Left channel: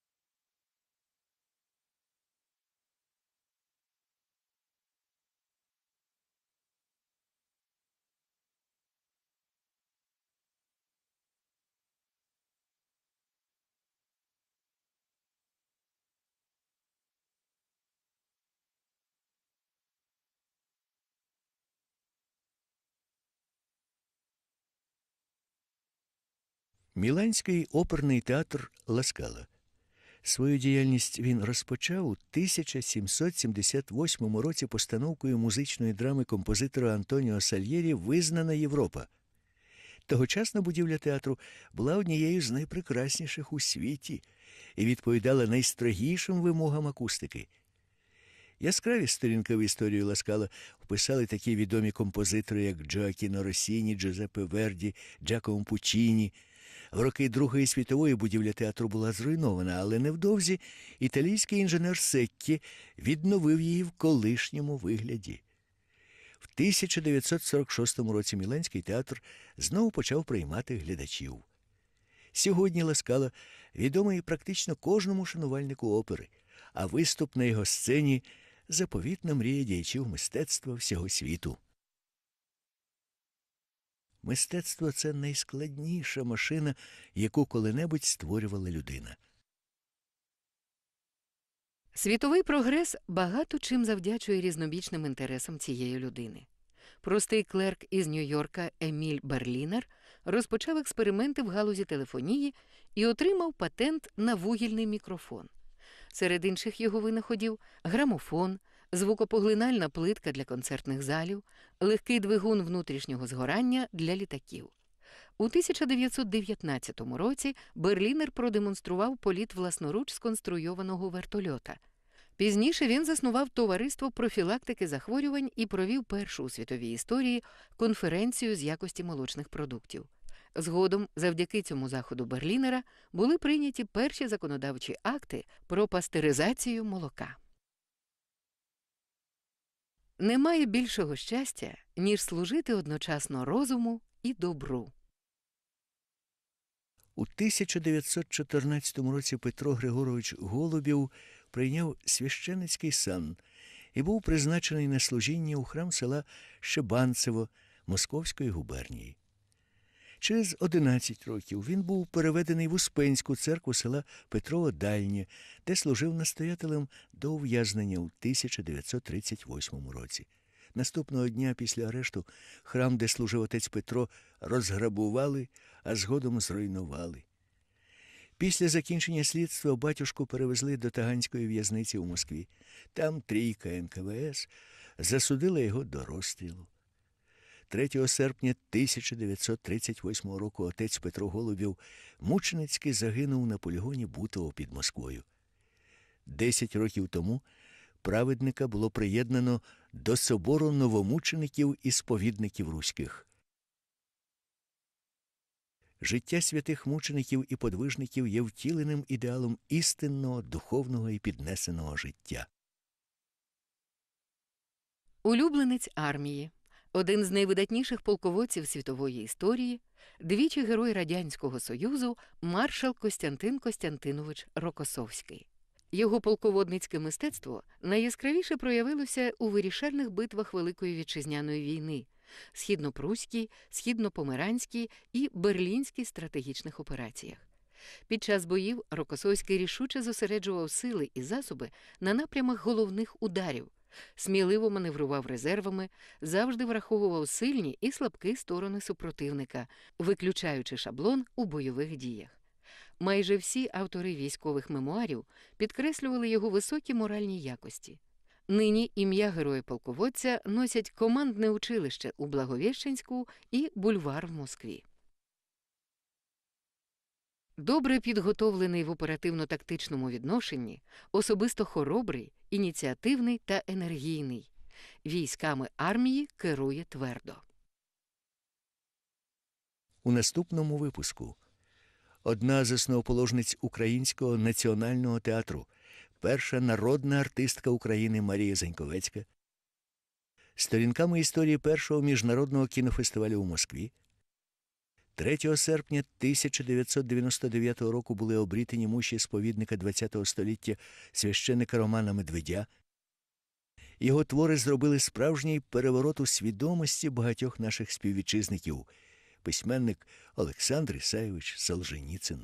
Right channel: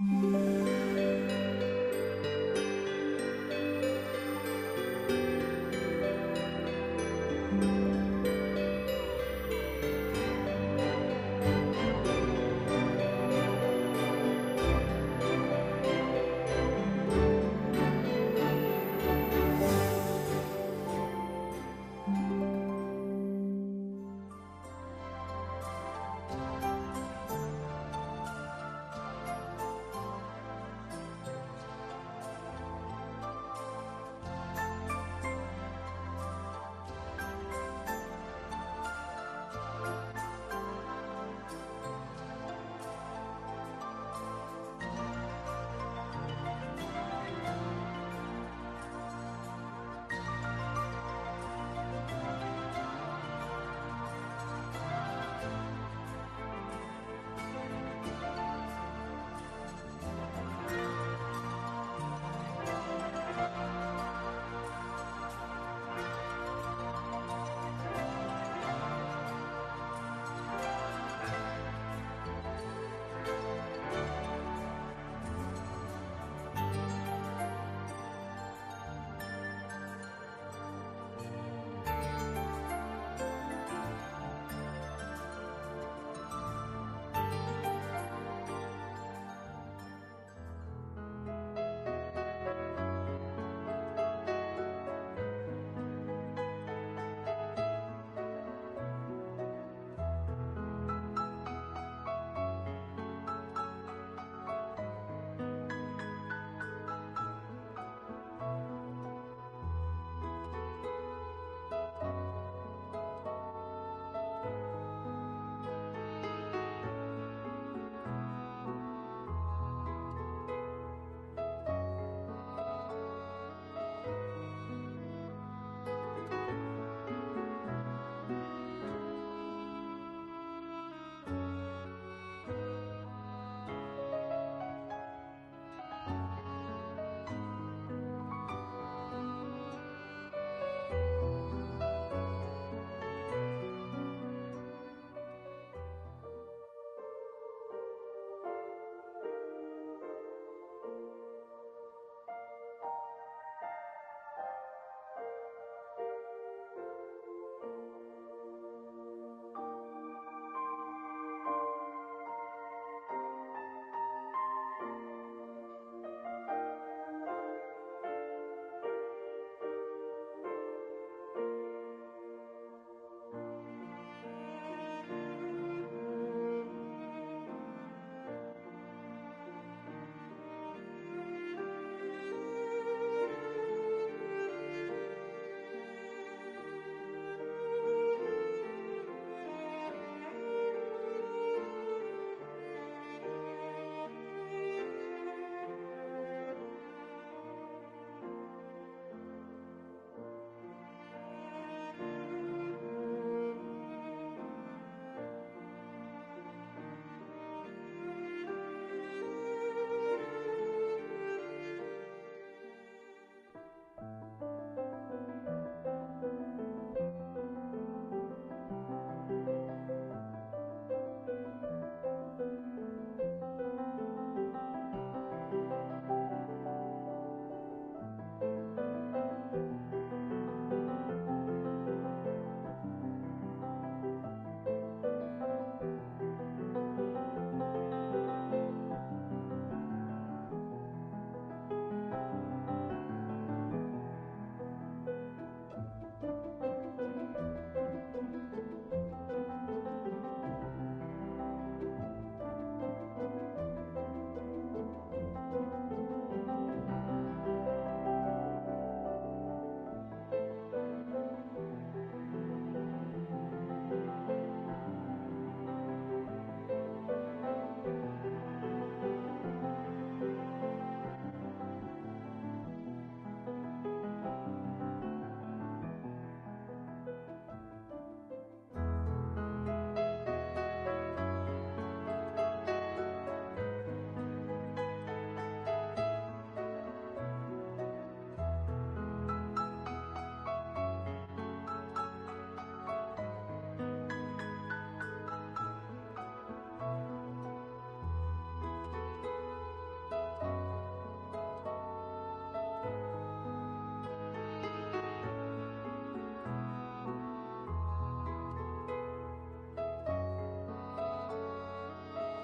Міланський оперний театр Ласкала. Свою діяльність він розпочав у 1778 році постановкою музичної драми композитора Антоніо Сальєрі Визнана Європа. Тогочасна будівля театру була однією з найпрекрасніших у світі і відповідала найстрогішим вимогам акустики. Яскраві сторінки в історію Ласкала писали такі відомі композитори, як Джоакіно Росіні, Джозеппе Верді, Джакомо Пучіні. В роки Другої світової будівля театру була зруйнована, але невдовзі італійський інженер Секкі відновив її в колишньому вигляді. В 1946 році Міланський театр знову почав приймати глядачів. Сьогодні Ласкала відомий практично кожному шанувальнику опери, а виступ на його сцені заповітна мрія діячів мистецтва всього світу. Мистецтво це найскладніша машина, яку коли-небудь створювала людина. Світовий прогрес багато чим завдячує різнобічним інтересам цієї людини. Простий клерк із Нью-Йорка Еміль Берлінер розпочав експерименти в галузі телефонії і отримав патент на вугільний мікрофон. Серед інших його винаходів грамофон, звукопоглинальна плитка для концертних залів, легкий двигун внутрішнього згорання для літаків. У 1919 році Берлінер продемонстрував політ власноруч сконструйованого вертольота. Пізніше він заснував товариство профілактики захворювань і провів першу у світовій історії конференцію з якості молочних продуктів. Згодом, завдяки цьому заходу Берлінера, були прийняті перші законодавчі акти про пастеризацію молока. Немає більшого щастя, ніж служити одночасно розуму і добру. У 1914 році Петро Григорович Голубів прийняв священицький сан і був призначений на служіння у храм села Щебанцево Московської губернії. Через 11 років він був переведений в Успенську церкву села Петрово Дальнє, де служив настоятелем до ув'язнення у 1938 році. Наступного дня після арешту храм, де служив отець Петро, розграбували, а згодом зруйнували. Після закінчення слідства батюшку перевезли до Таганської в'язниці в Москві. Там трійка НКВС засудила його до розстрілу. 3 серпня 1938 року отець Петро Голубів мученицьки загинув на полігоні Бутово під Москвою. Десять років тому праведника було приєднано до собору новомучеників і сповідників руських. Життя святих мучеників і подвижників є втіленим ідеалом істинного, духовного і піднесеного життя. Улюбленець армії, один з найвидатніших полководців світової історії, двічі герой Радянського Союзу, маршал Костянтин Костянтинович Рокосовський. Його полководницьке мистецтво найяскравіше проявилося у вирішальних битвах Великої вітчизняної війни, східнопруській, східнопомеранській і берлінській стратегічних операціях. Під час боїв Рокосовський рішуче зосереджував сили і засоби на напрямах головних ударів, сміливо маневрував резервами, завжди враховував сильні і слабкі сторони супротивника, виключаючи шаблон у бойових діях. Майже всі автори військових мемуарів підкреслювали його високі моральні якості. Нині ім'я героя-полководця носять командне училище у Благовіщенську і бульвар в Москві. Добре підготовлений в оперативно-тактичному відношенні, особисто хоробрий, ініціативний та енергійний. Військами армії керує твердо. У наступному випуску одна з основоположниць Українського національного театру, перша народна артистка України Марія Заньковецька, сторінками історії першого міжнародного кінофестивалю у Москві, 3 серпня 1999 року були обрітені муші сповідника ХХ століття священника Романа Медведя. Його твори зробили справжній переворот у свідомості багатьох наших співвітчизників, письменник Олександр Ісаєвич Солженіцин.